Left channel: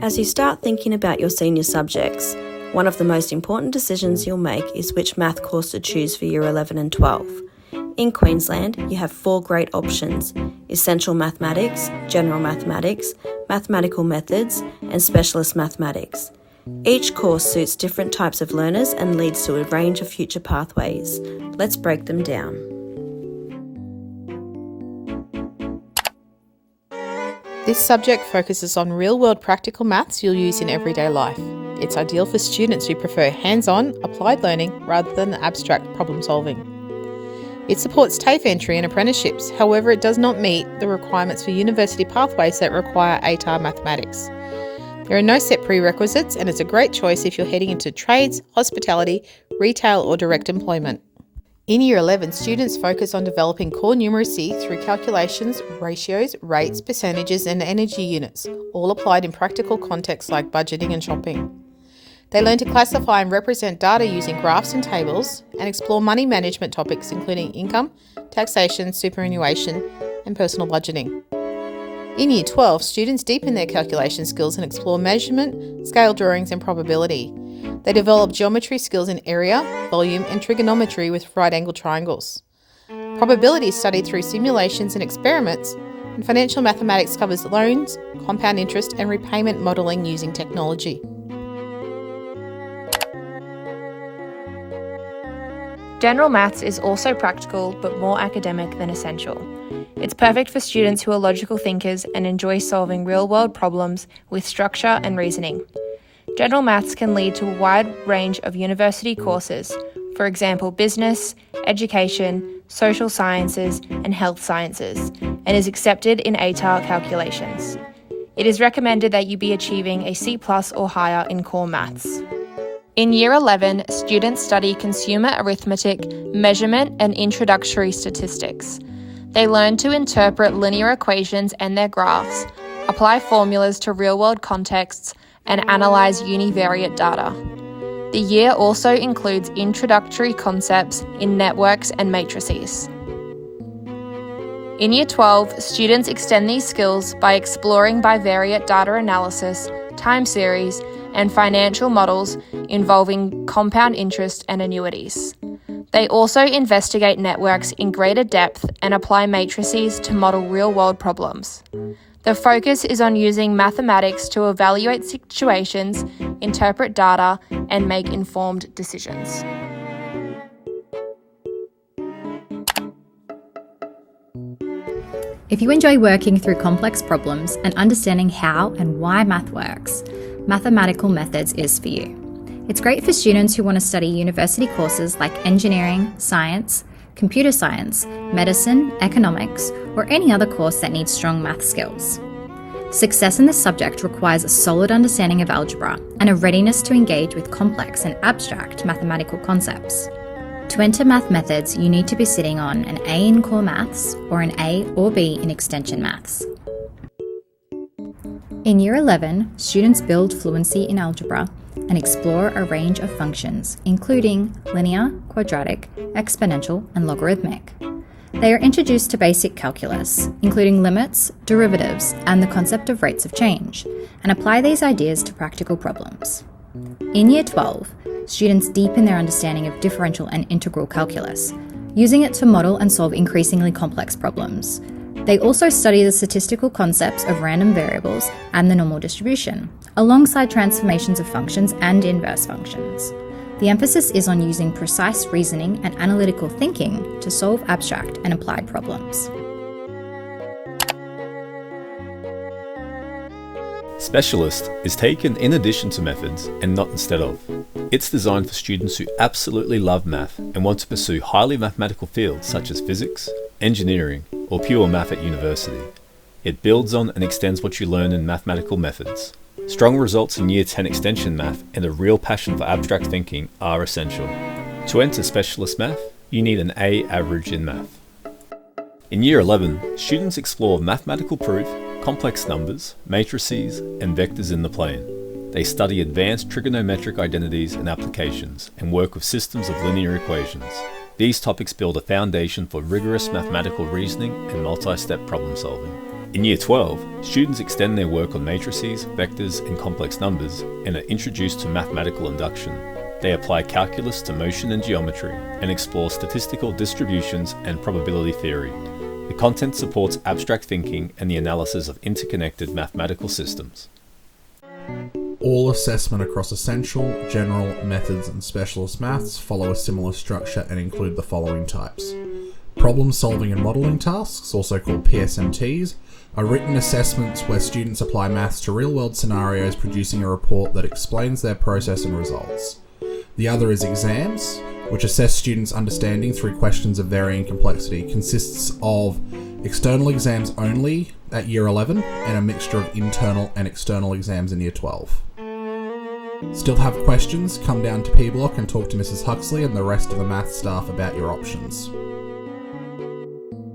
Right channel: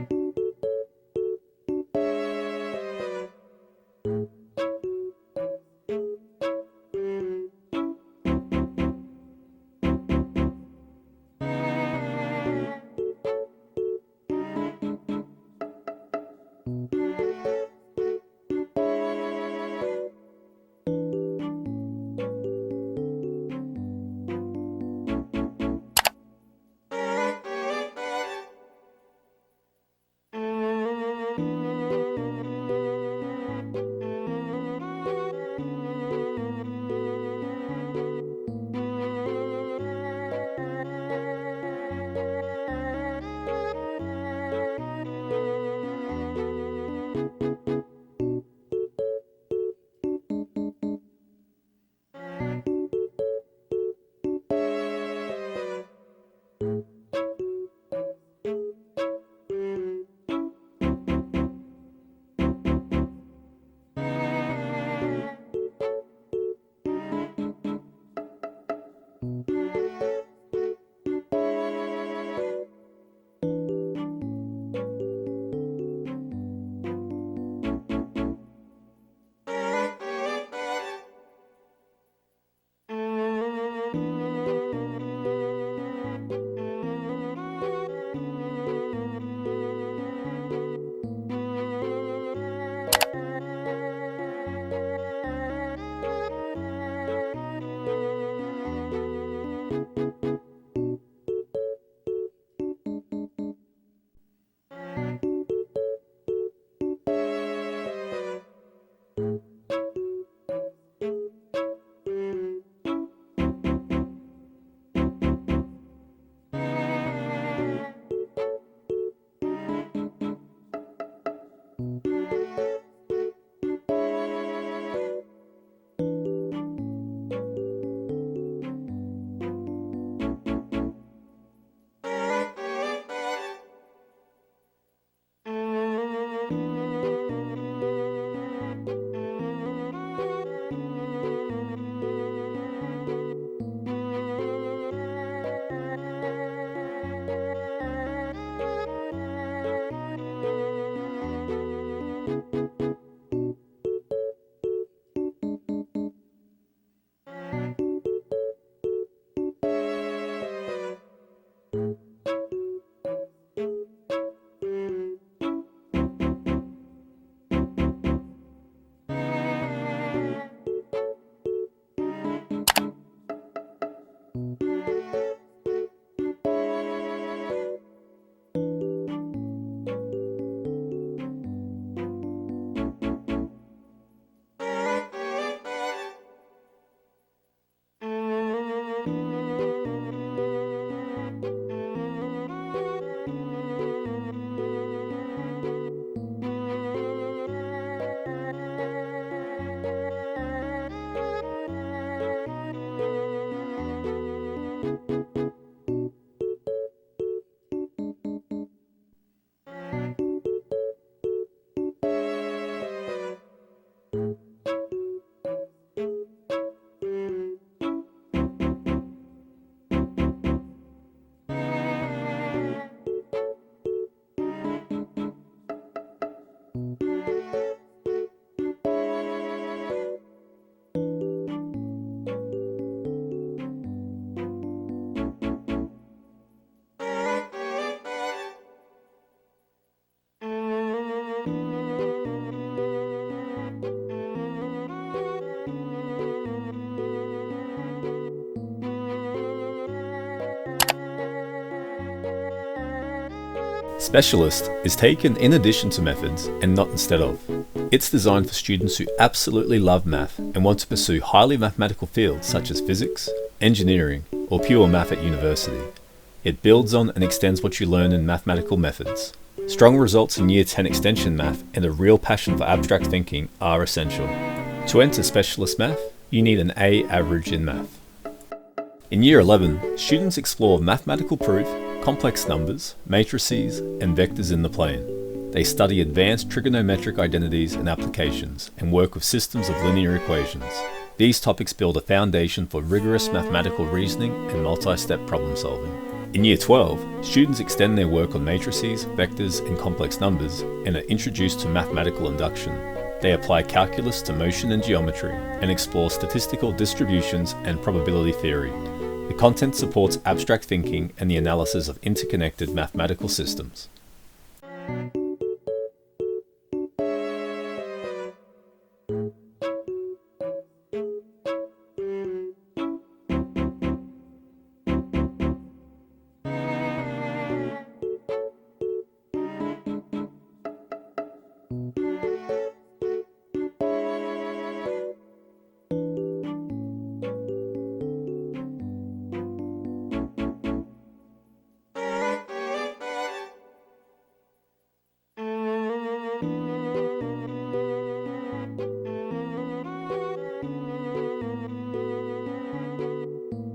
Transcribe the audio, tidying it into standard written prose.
As you start thinking about your senior subjects, one of the most important decisions you'll make is which math course to choose for Year 11 and 12. In Queensland, you have 4 great options: Essential Mathematics, General Mathematics, Mathematical Methods, and Specialist Mathematics. Each course suits different types of learners and leads to a range of future pathways. Let's break them down. This subject focuses on real-world practical maths you'll use in everyday life. It's ideal for students who prefer hands-on, applied learning rather than abstract problem-solving. It supports TAFE entry and apprenticeships, however it does not meet the requirements for university pathways that require ATAR mathematics. There are no set prerequisites and it's a great choice if you're heading into trades, hospitality, retail or direct employment. In Year 11, students focus on developing core numeracy through calculations, ratios, rates, percentages and energy units, all applied in practical contexts like budgeting and shopping. They learn to classify and represent data using graphs and tables and explore money management topics including income, taxation, superannuation and personal budgeting. In Year 12, students deepen their calculation skills and explore measurement, scale drawings and probability. They develop geometry skills in area, volume and trigonometry with right-angled triangles. Probability is studied through simulations and experiments, and financial mathematics covers loans, compound interest and repayment modelling using technology. General Maths is also practical but more academic than essential. It's perfect for students who are logical thinkers and enjoy solving real-world problems with structure and reasoning. General Maths can lead to a wide range of university courses, for example business, education, social sciences and health sciences, and is accepted in ATAR calculations. It is recommended that you be achieving a C+ or higher in core maths. In Year 11, students study consumer arithmetic, measurement and introductory statistics. They learn to interpret linear equations and their graphs, apply formulas to real-world contexts, and analyse univariate data. The year also includes introductory concepts in networks and matrices. In Year 12, students extend these skills by exploring bivariate data analysis, time series, and financial models involving compound interest and annuities. They also investigate networks in greater depth and apply matrices to model real-world problems. The focus is on using mathematics to evaluate situations, interpret data, and make informed decisions. If you enjoy working through complex problems and understanding how and why math works, Mathematical Methods is for you. It's great for students who want to study university courses like engineering, science, computer science, medicine, economics, or any other course that needs strong math skills. Success in this subject requires a solid understanding of algebra and a readiness to engage with complex and abstract mathematical concepts. To enter Math Methods, you need to be sitting on an A in Core Maths or an A or B in Extension Maths. In Year 11, students build fluency in algebra and explore a range of functions, including linear, quadratic, exponential, and logarithmic. They are introduced to basic calculus, including limits, derivatives, and the concept of rates of change, and apply these ideas to practical problems. In Year 12, students deepen their understanding of differential and integral calculus, using it to model and solve increasingly complex problems. They also study the statistical concepts of random variables and the normal distribution, alongside transformations of functions and inverse functions. The emphasis is on using precise reasoning and analytical thinking to solve abstract and applied problems. Specialist is taken in addition to methods and not instead of. It's designed for students who absolutely love math and want to pursue highly mathematical fields such as physics, engineering, or pure math at university. It builds on and extends what you learn in mathematical methods. Strong results in Year 10 Extension Math and a real passion for abstract thinking are essential. To enter Specialist Math, you need an A average in math. In Year 11, students explore mathematical proof, complex numbers, matrices, and vectors in the plane. They study advanced trigonometric identities and applications, and work with systems of linear equations. These topics build a foundation for rigorous mathematical reasoning and multi-step problem solving. In Year 12, students extend their work on matrices, vectors, and complex numbers and are introduced to mathematical induction. They apply calculus to motion and geometry and explore statistical distributions and probability theory. The content supports abstract thinking and the analysis of interconnected mathematical systems. All assessment across essential, general, methods and specialist maths follow a similar structure and include the following types. Problem solving and modelling tasks, also called PSMTs, are written assessments where students apply maths to real-world scenarios, producing a report that explains their process and results. The other is exams, which assess students' understanding through questions of varying complexity, consists of external exams only at Year 11 and a mixture of internal and external exams in Year 12. Still have questions? Come down to P Block and talk to Mrs. Huxley and the rest of the maths staff about your options.